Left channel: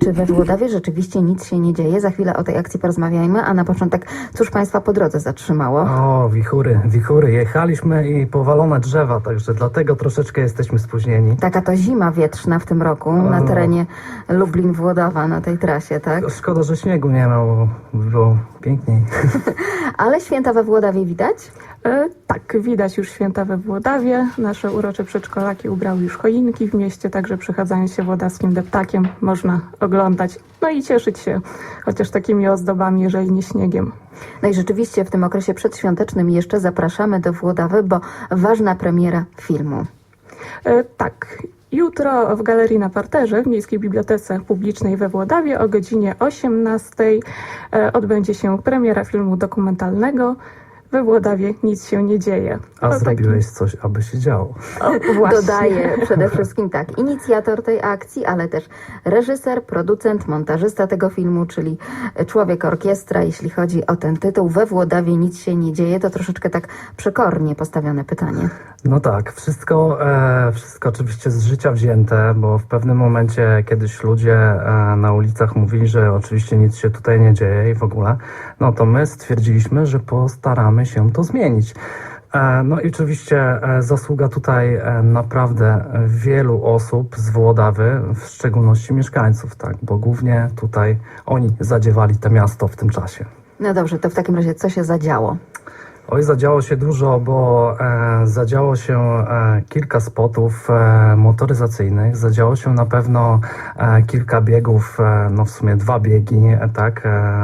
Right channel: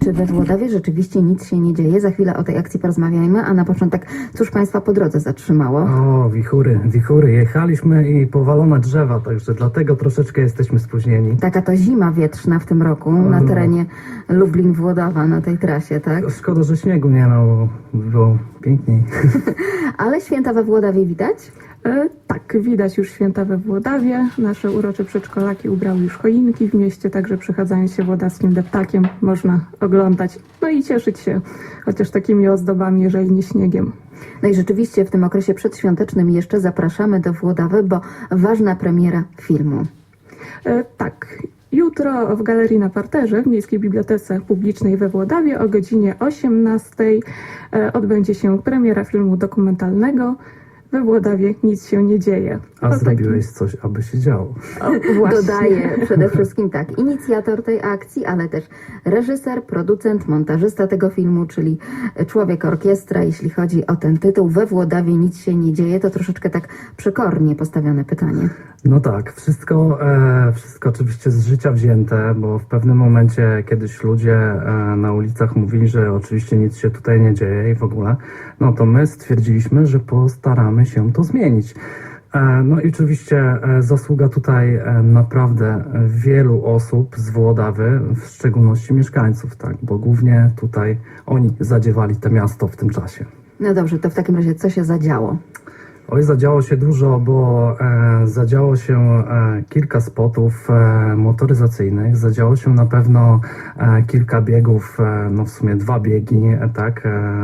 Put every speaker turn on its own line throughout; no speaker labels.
czy we Włodawie rzeczywiście nic się nie dzieje? Za chwilę o tej akcji porozmawiajmy, a na początek, cóż Państwa po drodze zatrzymało?
O, wichury. Jechaliśmy i powalone drzewa, także dlatego troszeczkę jesteśmy spóźnieni.
Taka to zima wietrzna w tym roku na terenie Lublin-Włodawa, na tej trasie, tak?
Szkoda, że śniegu nie ma, bo było piękniej.
Ale święta we Włodawie widać?
Tak, widać już święta we Włodawie. Nasze urocze przedszkolaki ubrały już choinki w mieście, także przechadzając się włodawskim deptakiem można oglądać, no i cieszyć się chociaż takimi ozdobami, jeżeli nie śniegiem.
No i rzeczywiście w tym okresie przedświątecznym jeszcze zapraszamy do Włodawy, bo ważna premiera filmu.
Tak, jutro w Galerii na Parterze w Miejskiej Bibliotece Publicznej we Włodawie o godzinie 18 odbędzie się premiera filmu dokumentalnego We Włodawie nic się nie dzieje.
A zrobiłeś coś, aby się działo.
Właśnie.
Dodaję przede wszystkim tak, inicjator tej akcji, ale też reżyser, producent, montażysta tego filmu, czyli człowiek orkiestra, jeśli chodzi o ten tytuł. We Włodawie nic się nie dzieje, to troszeczkę tak przekornie postawione pytanie.
No tak, wszystko oczywiście z życia wzięte, bo w pewnym momencie kiedyś ludzie na ulicach mówili, że oczywiście nic się tutaj nie dzieje i w ogóle, no to my stwierdziliśmy, że postaramy się to zmienić. No i oczywiście zasługa tutaj naprawdę wielu osób z Włodawy, w szczególności mieszkańców, tak, bo głównie tutaj oni zadziewali to miasto w tym czasie.
No dobrze, to w takim razie co się zadziało?
Oj, zadziało się dużo, bo zadziało się kilka spotów motoryzacyjnych, zadziało się na pewno kilka biegów, no w sumie 2 biegi, tak,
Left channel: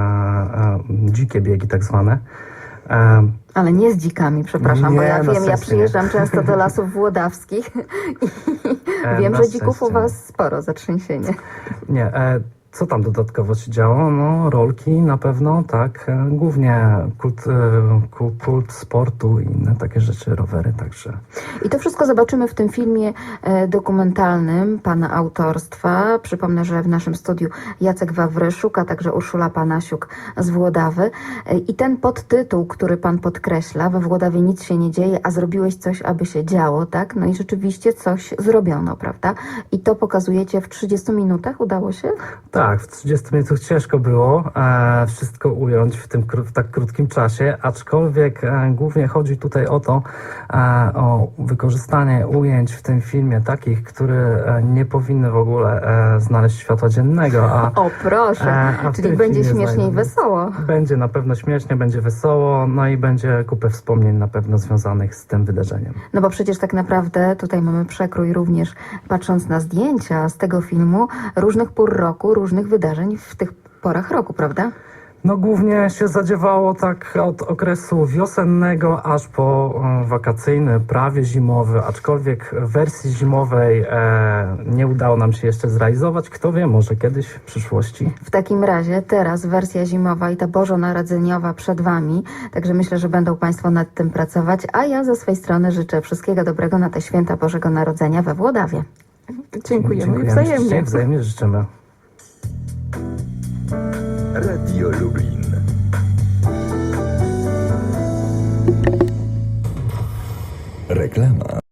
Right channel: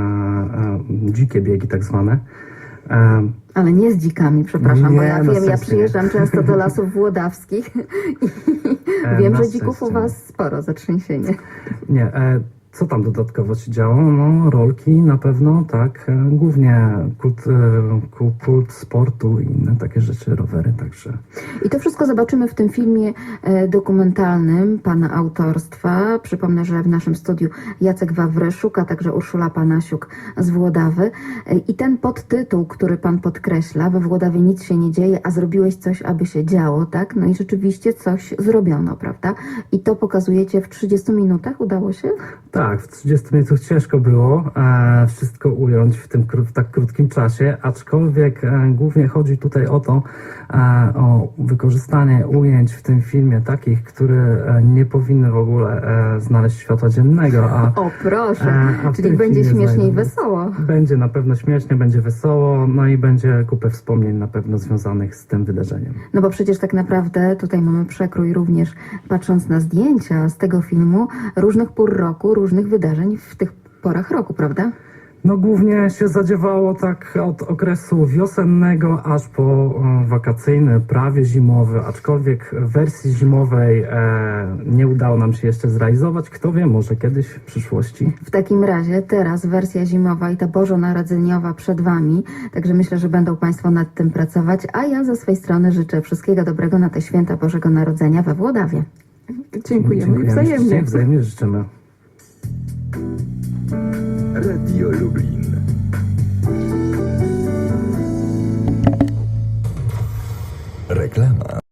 dzikie biegi tak zwane.
Ale nie z dzikami, przepraszam, bo
Nie,
ja
na
wiem, ja
sens nie.
przyjeżdżam często do lasów włodawskich i wiem,
Na
że dzików u
szczęście.
Was sporo, zatrzęsienie.
Nie, co tam dodatkowo się działo? No, rolki na pewno, tak, głównie kult sportu i inne takie rzeczy, rowery, także.
I to wszystko zobaczymy w tym filmie dokumentalnym Pana autorstwa. Przypomnę, że w naszym studiu Jacek Wawryszuk, a także Urszula Panasiuk z Włodawy. I ten podtytuł, który Pan podkreśla, we Włodawie nic się nie dzieje, a zrobiłeś coś, aby się działo, tak? No i rzeczywiście coś zrobiono, prawda? I to pokazujecie w 30 minutach, udało się?
Tak, w 30 minutach ciężko było wszystko ująć w tym w tak krótkim czasie, aczkolwiek głównie chodzi tutaj o to, o wykorzystanie ujęć w tym filmie takich, które nie powinny w ogóle znaleźć światła dziennego.
O proszę,
a w
czyli
tym
będzie
filmie
śmiesznie i wesoło.
Będzie na pewno śmiesznie, będzie wesoło, no i będzie kupę wspomnień na pewno związanych z tym wydarzeniem.
No bo przecież tak naprawdę tutaj mamy przekrój również, patrząc na zdjęcia z tego filmu, różnych pór roku, różnych wydarzeń w tych porach roku, prawda?
No głównie się zadziewało tak od okresu wiosennego aż po wakacyjny, prawie zimowy, aczkolwiek wersji zimowej nie udało nam się jeszcze zrealizować. Kto wie, może kiedyś w przyszłości.
W takim razie teraz wersja zimowa i ta bożonarodzeniowa przed Wami, także myślę, że będą Państwo nad tym pracować, a ja ze swej strony życzę wszystkiego dobrego na te święta Bożego Narodzenia we Włodawie.
Dziękujemy wzajemnie.
Ślicznie, wzajemnie życzymy.
Radio Lublin. Reklama.